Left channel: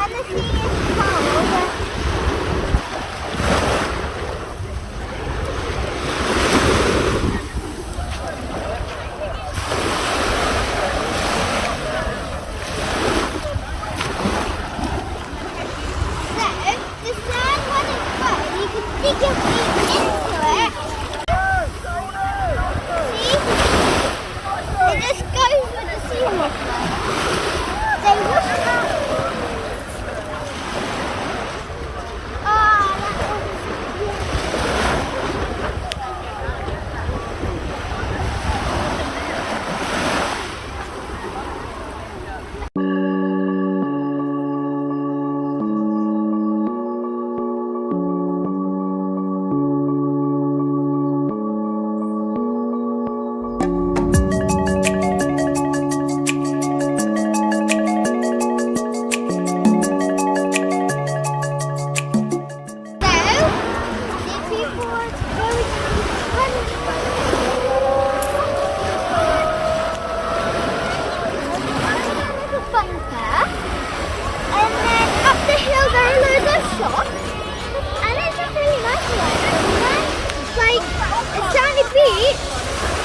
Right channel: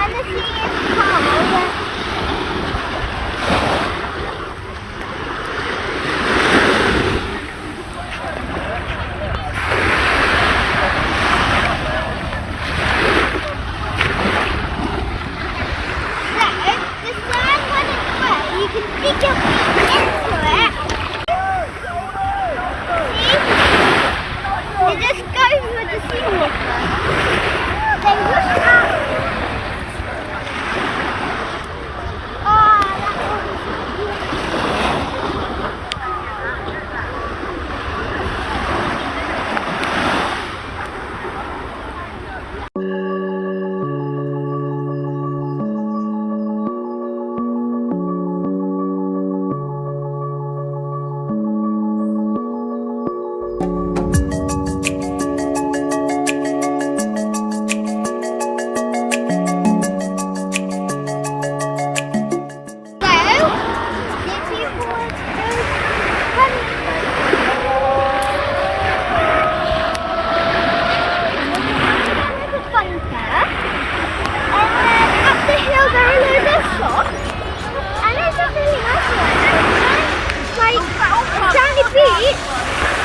And the sea is cold. Stick your feet into it. See? It just goes with the sea. Then push out. Oh, that was beautiful.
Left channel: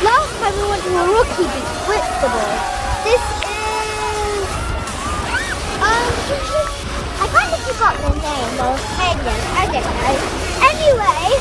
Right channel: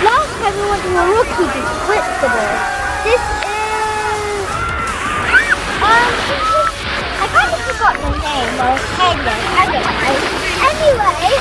Last time we went to a rocky beach, Whitstable. This is I kind of forgot the name or Hagen, I don't know. Anyway,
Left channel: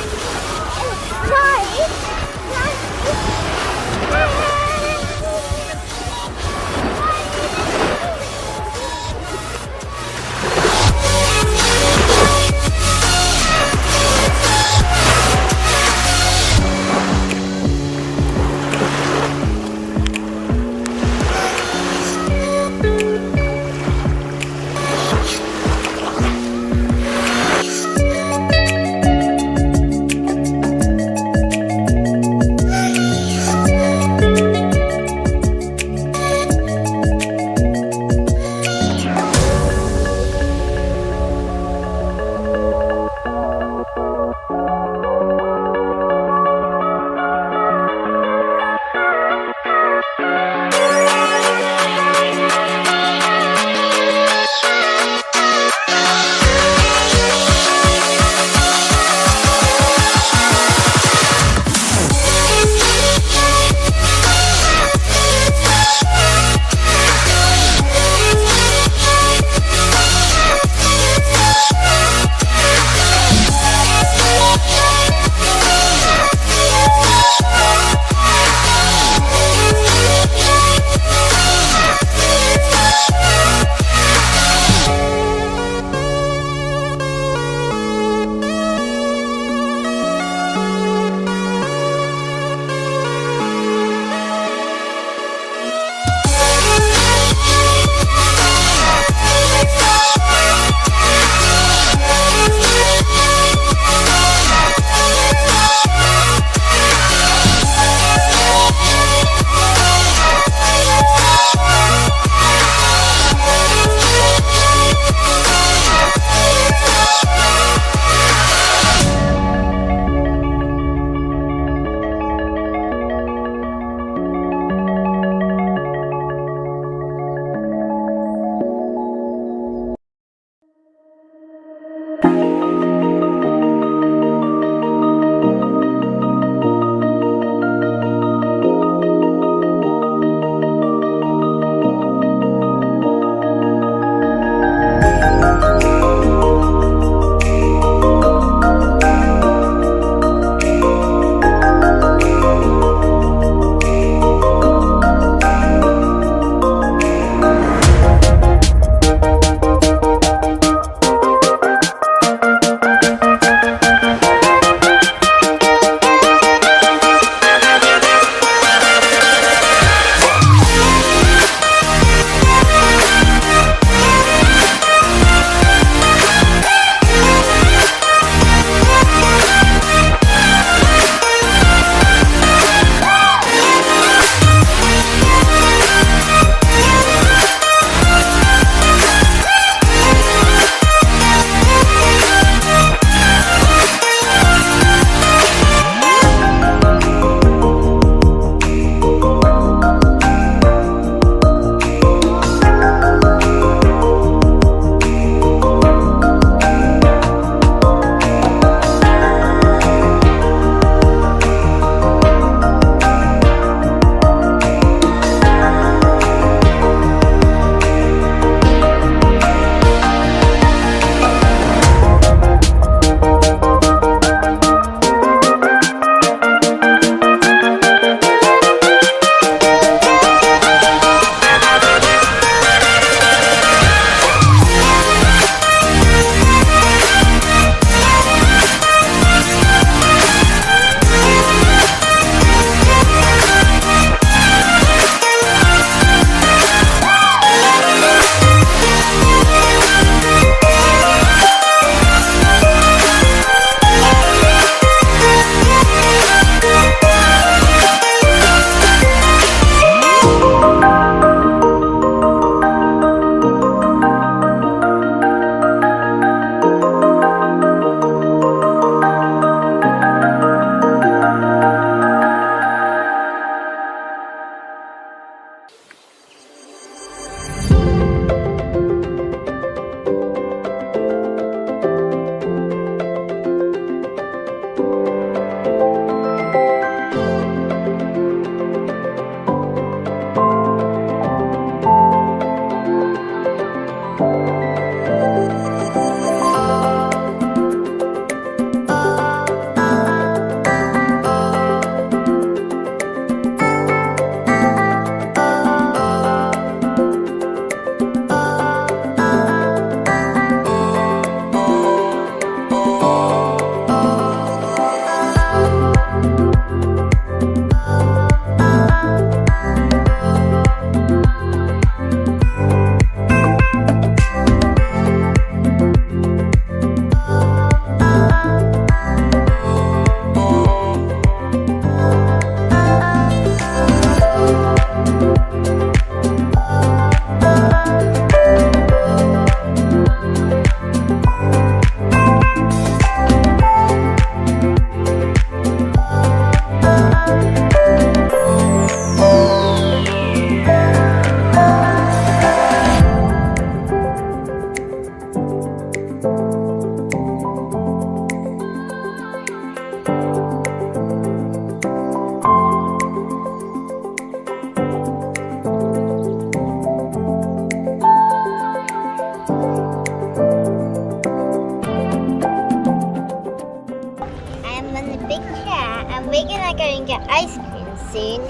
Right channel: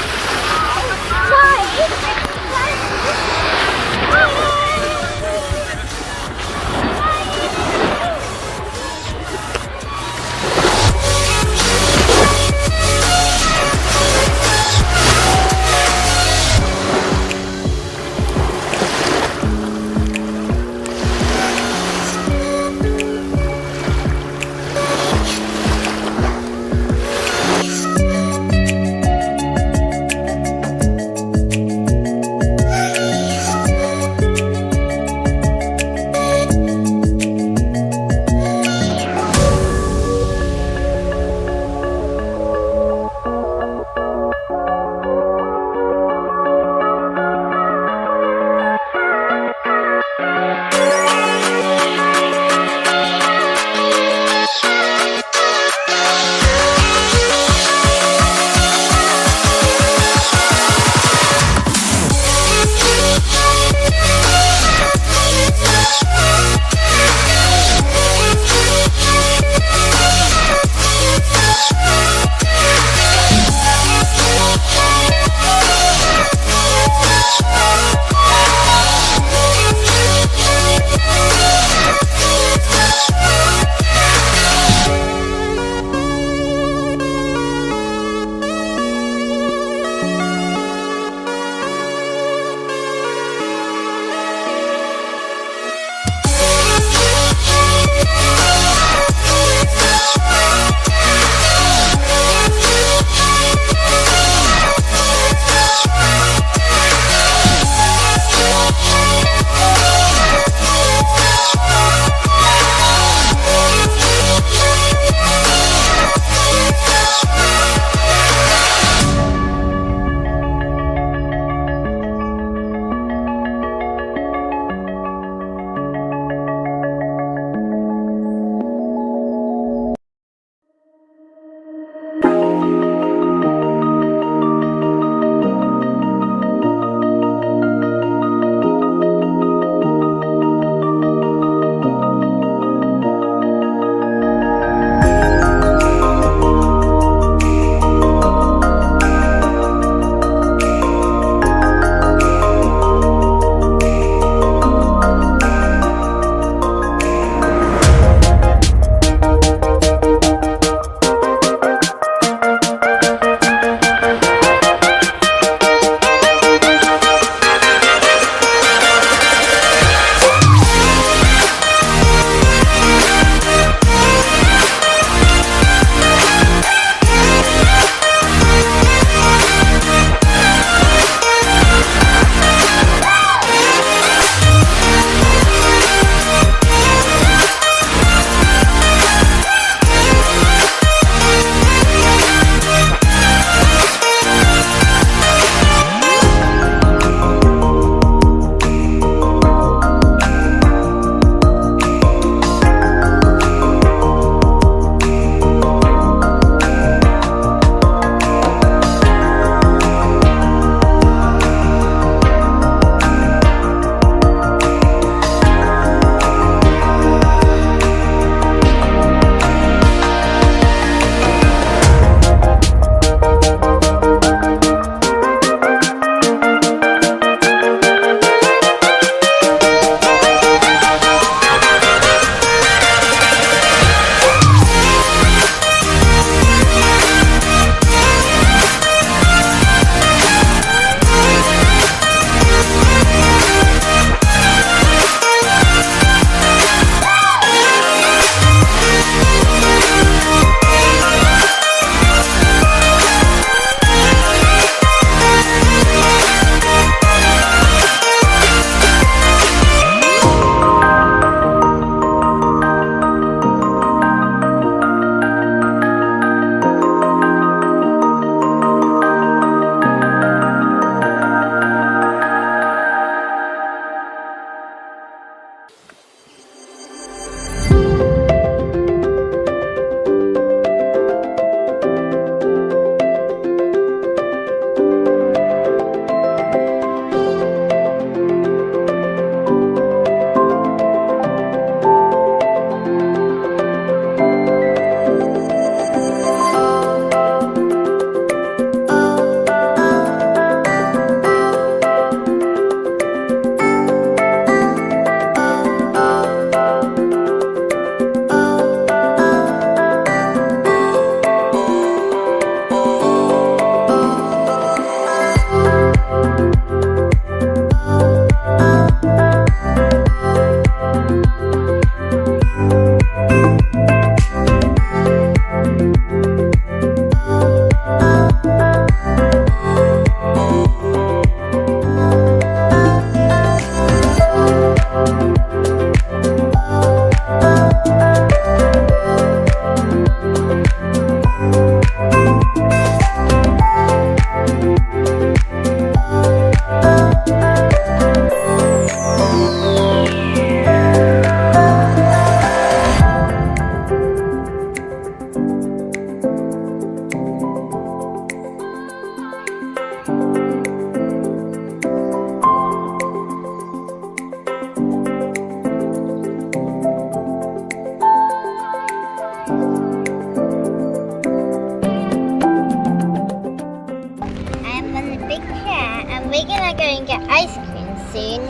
going to get ice cream soon.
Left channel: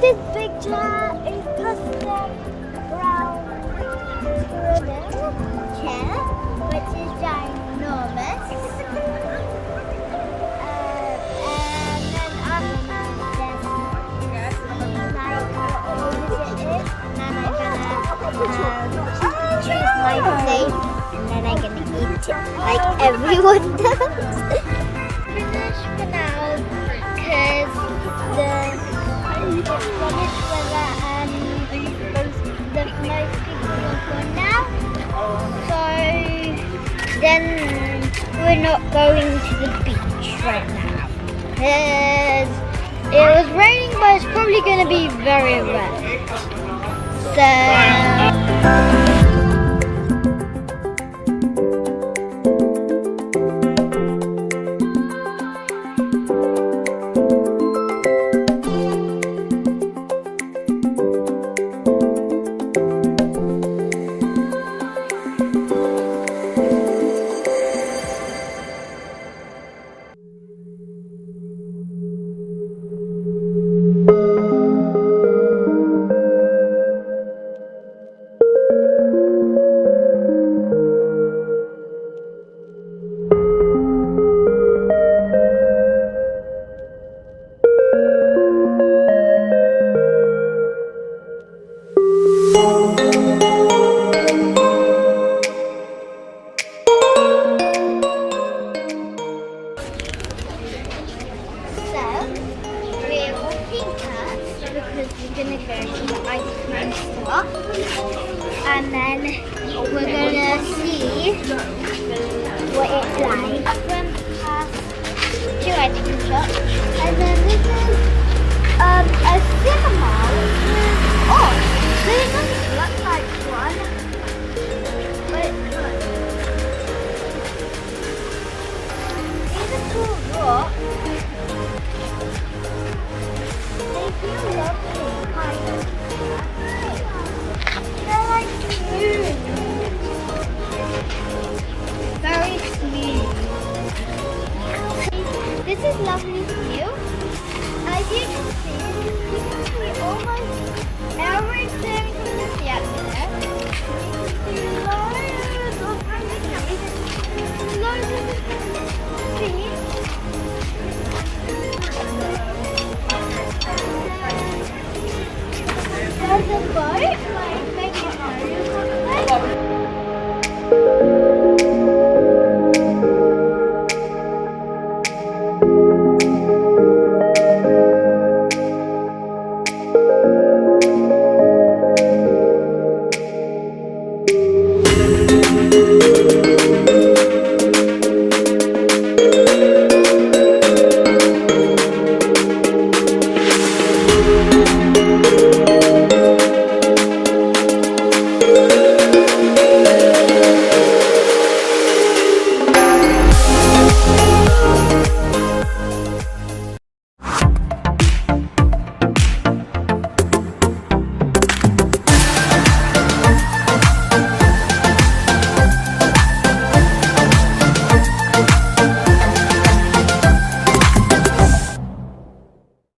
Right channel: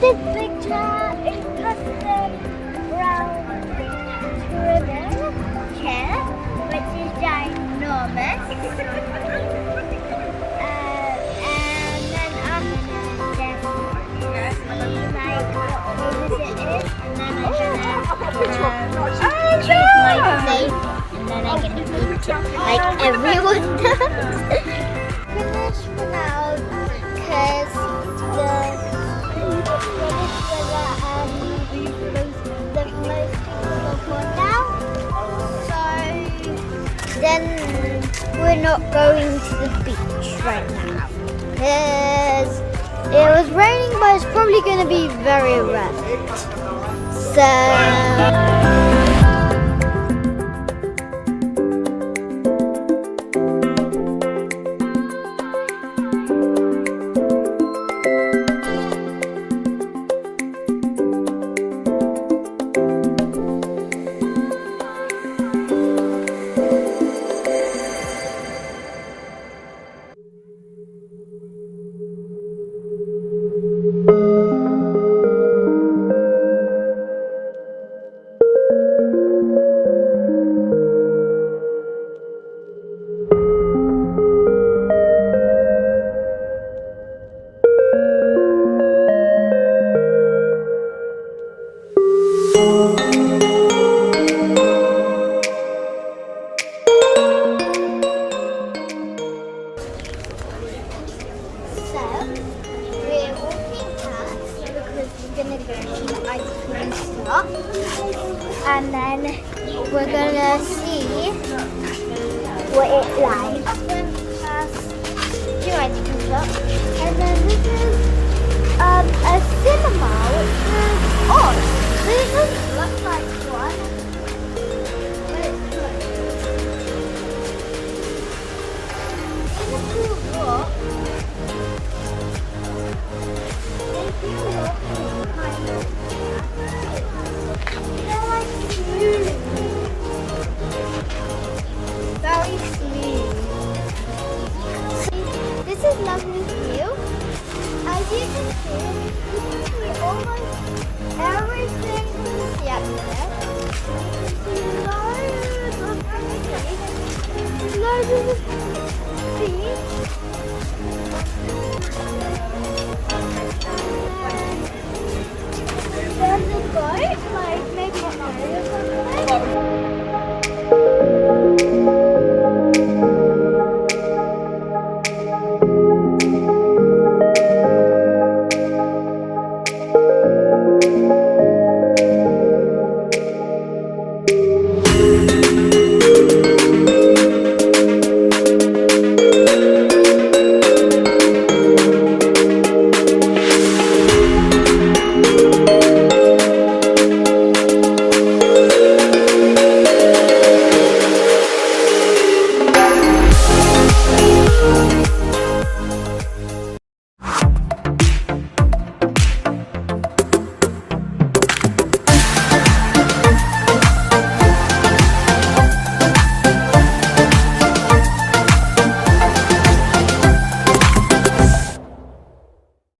This picture is custom brown ribbon chair, which is ginormous. And then after this, see like what poses it is, and then I'm gonna choose my place, and then I'm gonna eat it like everyone does. Finish for now, because the British weather and the most people have gone down. So then we're not going to the beach right now, because it was raining, but it's probably going to be very wet. So gonna go to the ice cream shop, and then we're gonna see what it's like. Went past two ice cream shops, and then this is a cinema.